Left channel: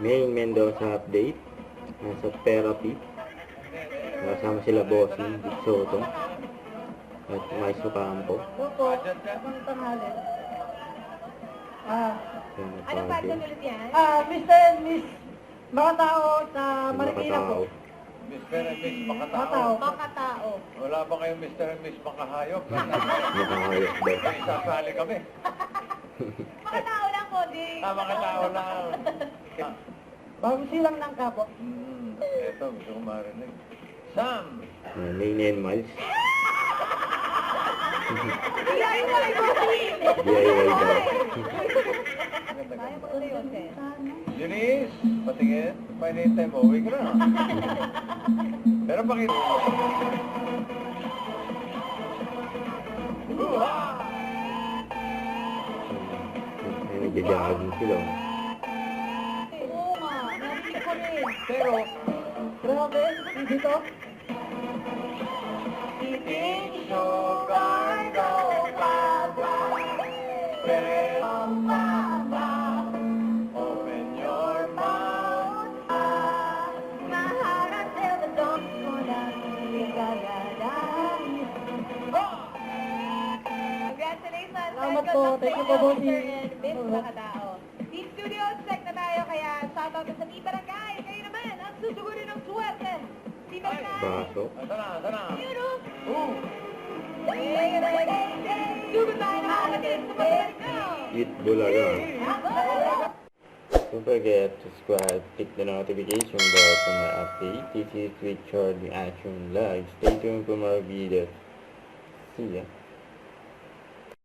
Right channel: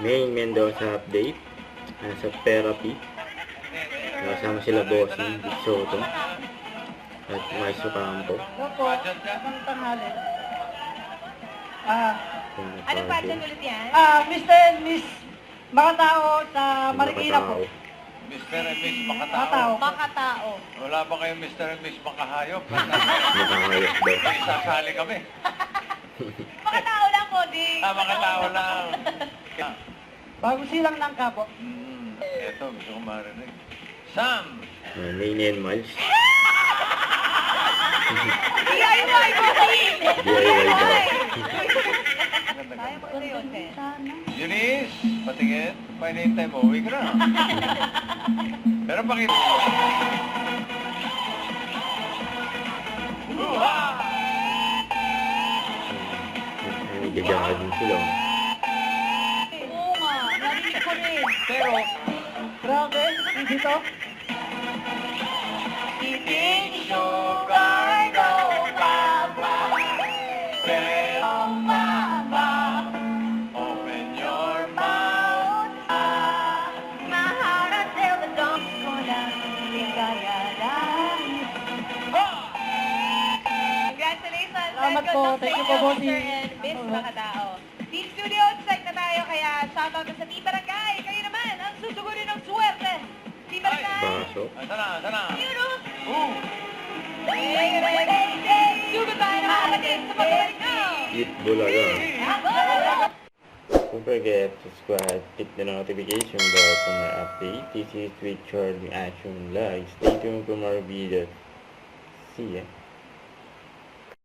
Main Mendoza update. Sa therapy. Kasama sila Bossing, Big Soto. At Maestro Campo. Opo, ang tanghali. Anong pageant ulit yan? Mr. and Miss Makatao sa Marikina po. Mr. and Miss Makatao. Makatao. Makatao. Wala ba kayong Mr. and Miss Makahayop? Makahayop daw. Isasali kami. Makatao lang po, di. Makatao lang. Bago silang ng kapo. Eto, gusto ko marinig. Sam! Main and Miles. DIY po, DIY daw. Kaya mo ito yun, Sen. Eunice, patingin. May name mo, uwi ka na. Pero pakita. Nagagawa din sila. Oo nga, narinig ko rin. Pero, Grabe, dito. Eating sugar, no baba. Pero mama, open your mouth. maharap till the dawn ko na ligayaran. Congratulations! Salamat and po. good luck Thank you sa po, inyo, bossing. Mr. and Miss Makatao. Team Studio, excited na tayo, kaya shoutout sa Team Barangay. Kayo naman, ang susugurin ng swerte. Team Barangay. Baso. Asa na? Yun o. Ooh! Sugod tayo ng mga kapatid sa pagbabalik na. Eat Bulaga. Don't forget to subscribe, click the notification bell for my update. This is with Charlie Action Live. Stay tuned for more videos. See ya.